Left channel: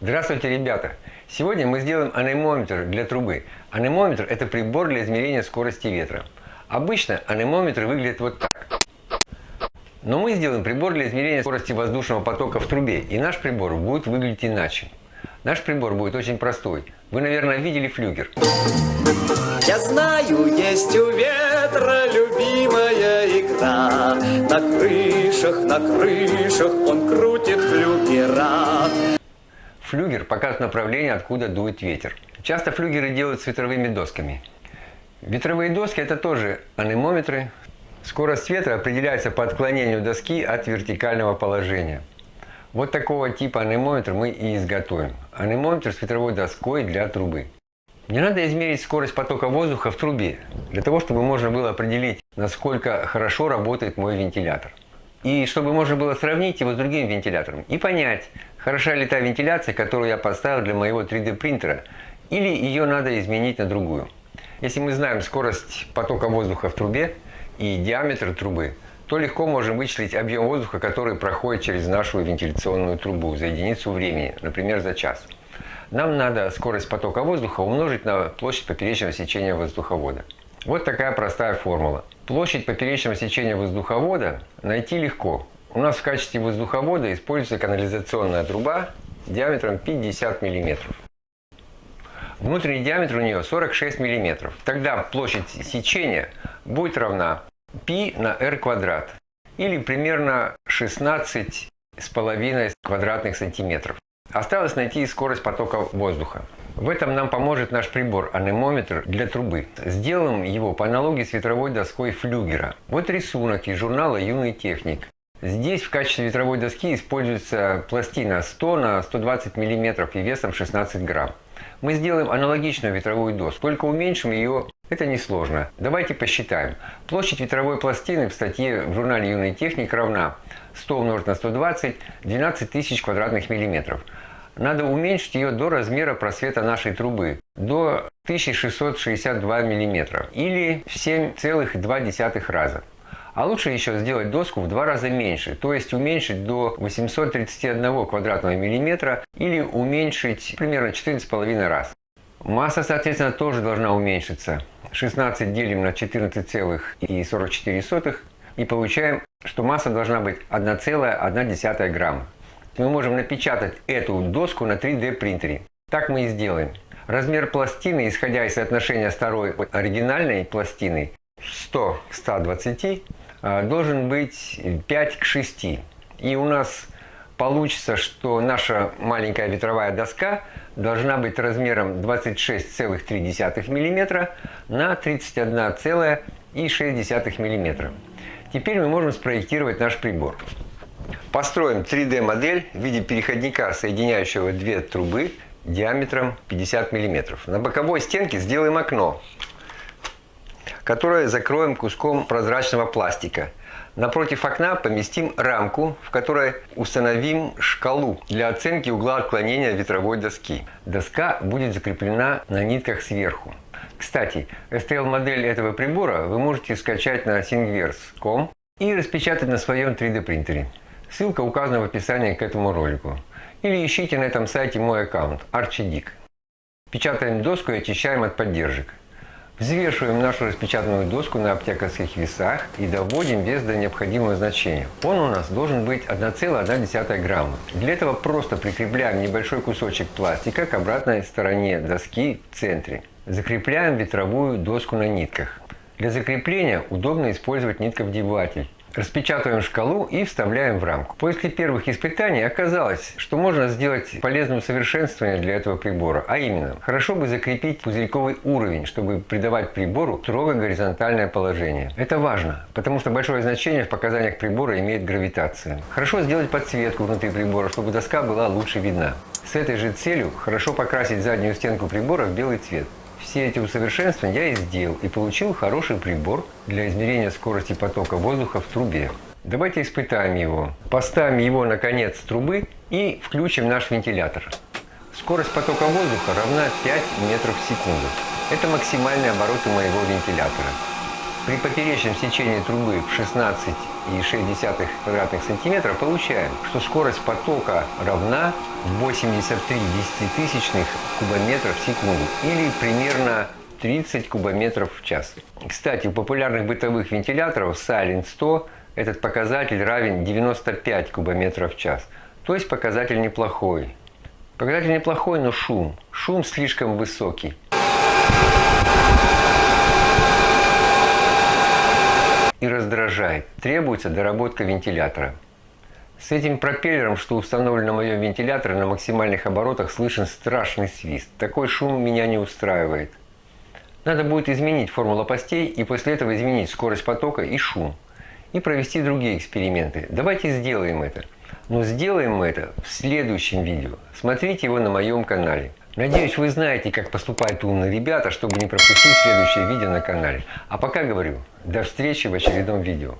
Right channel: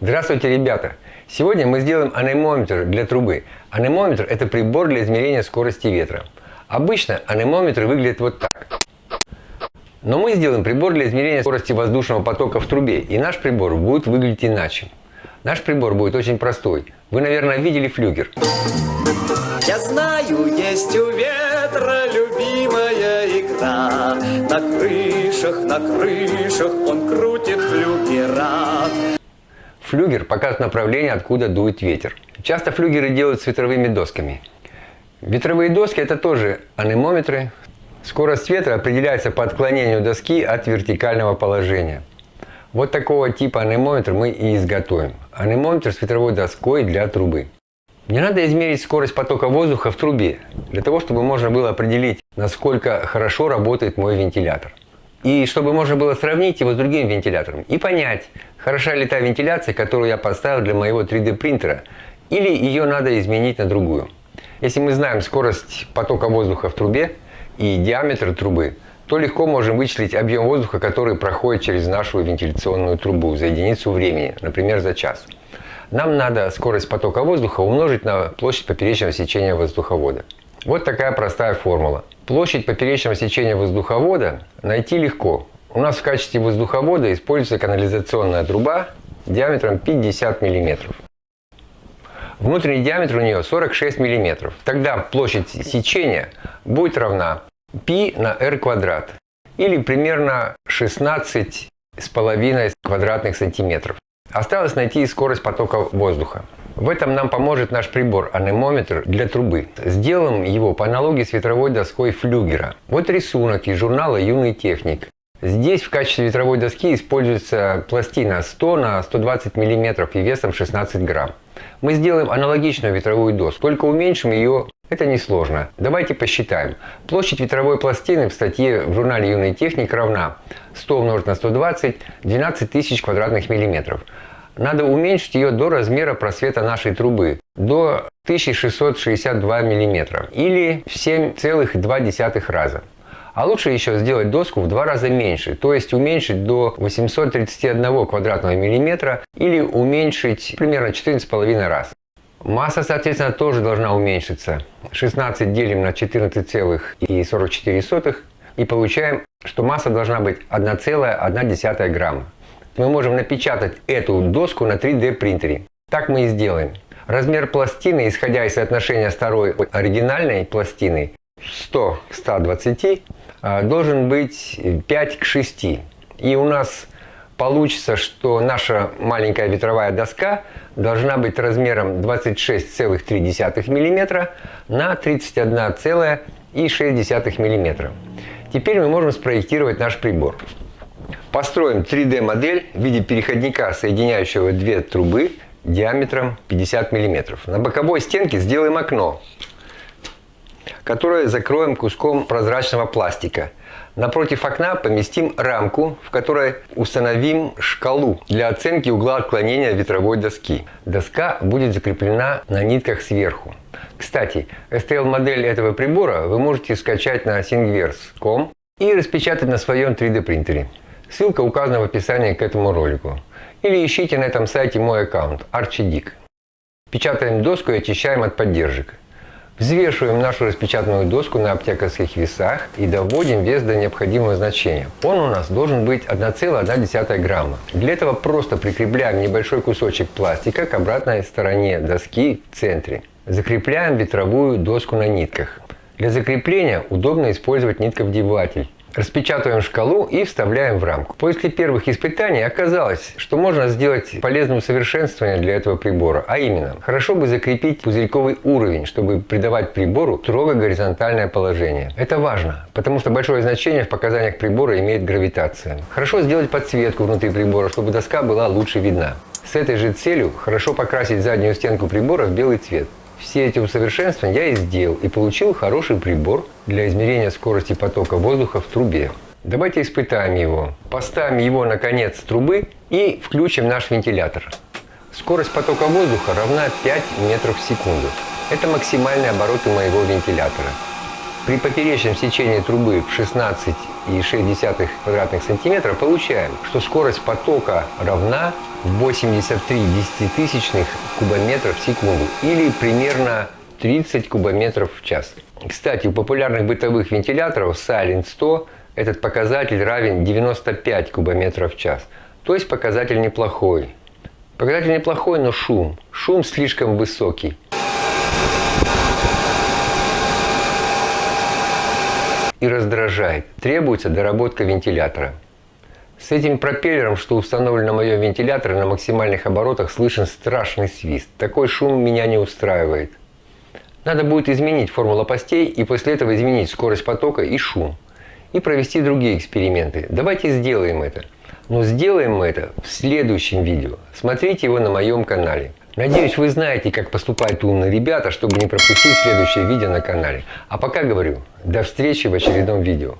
Здравствуйте, ребята! Сегодня мы сделаем анемометр для трубы. Анемометр – это прибор для измерения скорости ветра. Обычно анемометр выглядит вот так. Но мы сделаем прибор для измерения скорости воздушного потока в трубе, и наш прибор будет выглядеть иначе. Наш прибор будет очень простой. Вы, наверное, видели флюгер. Я знаю, есть у ветра любимая игра. На крышах он крутит флюгера. Флюгер показывает направление, откуда дует ветер. Часто флюгеры делают с ветровыми досками. Ветровые доски – это тоже анемометры. Скорость ветра определяется по отклонению доски от вертикального положения. Вот такого типа анемометр мы и изготовим. Анемометр с ветровой доской для трубы. Мне надо измерить скорость потока воздуха в трубе, для того, чтобы можно было определить, насколько хорошо работает мой вентилятор. И чтобы можно было сравнить его с другим вентилятором и понять, хороша ли та вентиляция, которую я поставил для моего 3D принтера, или ее надо изменить на другую. Если мы знаем скорость потока воздуха в трубе и диаметр трубы, то легко можем вычислить объем воздуха, который проходит через нашу вентиляционную трубу за единицу времени, например, за час. Нам надо скорость потока воздуха умножить на площадь поперечного сечения воздуховода. Вот такая простая формула. Площадь поперечного сечения воздуховода найти легко. У нас в качестве воздуховода используется канализационная труба диаметром 50 мм. Внутренний диаметр у нее 46 мм. Тогда площадь сечения будет равна π на r квадрат, или примерно 16,5 квадратных сантиметров. Осталось найти скорость потока воздуха. В этом нам поможет наш прибор анемометр для трубы. Сделаем его по аналогии с ветровой доской флюгера. Вот рисунок из журнала «Юный техник». Здесь в качестве ветровой доски используется пластина 100 на 120 мм и весом 16 грамм. Мы сделаем аналогичную ветровую доску, только уменьшим ее. Это несложно. Давайте посчитаем. Площадь ветровой пластины в статье в журнале «Юный техник» равна 100 умножить на 120 – 12 тысяч квадратных миллиметров. Надо уменьшить ее до размера просвета нашей трубы, до 1662 мм, или в 7,2 раза. А лучше еще сделать доску в 2 раза меньше, то есть уменьшить до 831 квадратного миллиметра, или уменьшить примерно 14,5 раз. Масса, соответственно, тоже должна уменьшиться. 16 делим на 14,44 и получаем, что масса должна быть 1,1 грамма. Мы можем напечатать эту доску на 3D принтере. Так мы и сделаем. Размер пластины, исходя из соотношения второй оригинальной пластины 100 к 120, должен быть 5 к 6. И у нас получится, что наша маленькая ветровая доска должна быть размером 26,3 мм на 31,6 мм. Теперь мы можем спроектировать наш прибор. Построим 3D-модель в виде переходника, соединяющего две трубы диаметром 50 мм. На боковой стенке сделаем окно, которое закроем куском прозрачного пластика. Напротив окна поместим рамку, в которой установим шкалу для оценки угла отклонения ветровой доски. Доска будет закреплена на нитках сверху. Кстати, STL-модель этого прибора вы можете скачать на Thingiverse.com и распечатать на своем 3D принтере. Ссылка указана в описании к этому ролику. Или ищите на этом сайте мой аккаунт Archidic. Печатаем доску и очищаем от поддержек. Взвешиваем нашу распечатанную доску на аптекарских весах и доводим вес до необходимого значения. Он у нас должен быть 1,1 грамма. Для этого просто прикрепляем небольшой кусочек пластика к обратной стороне доски в центре. Закрепляем ветровую доску на нитках. Для закрепления удобно использовать нитковдеватель. Распечатываем шкалу и вставляем в рамку. После первых испытаний оказалось, что можно сделать полезное усовершенствование для этого прибора, а именно, хорошо бы закрепить пузырьковый уровень, чтобы придавать прибору строго горизонтальное положение. Это важно, потому что большое значение в показаниях прибора имеет гравитация. Хорошо сделать подсветку внутри прибора, чтобы доска была лучше видна. С этой же целью хорошо покрасить заднюю стенку прибора в белый цвет. Все эти усовершенствования я и сделал, и получил хороший прибор для измерения скорости потока воздуха в трубе. Давайте испытаем его. Поставим его на конец трубы и включим наш вентилятор. Скорость потока воздуха равна 5 метров в секунду. Это максимальные обороты моего вентилятора. При поперечном сечении трубы в 16 9,6 квадратных сантиметра, получаем, что скорость потока равна 83 десятитысячных кубометров в секунду или примерно 30 кубометров в час. Кстати, у популярных бытовых вентиляторов Silent 100 этот показатель равен 95 кубометров в час. То есть показатель неплохой. Показатель неплохой, но шум слишком высокий. И раздражает. Требуется доработка вентилятора. С этим пропеллером, что установлено на моем вентиляторе, на максимальных оборотах слышен страшный свист. Такой шум меня не устраивает. Надо будет изменить форму лопастей и после этого изменить скорость потока и шум. И провести другие эксперименты. Давайте сделаем это. Но сделаем мы это в следующем видео. Смотрите его на моем канале. Надеюсь, вы знаете, как поступают умные ребята, чтобы не пропустить следующее видео на канале. А пока говорю, до встречи в очередном видео.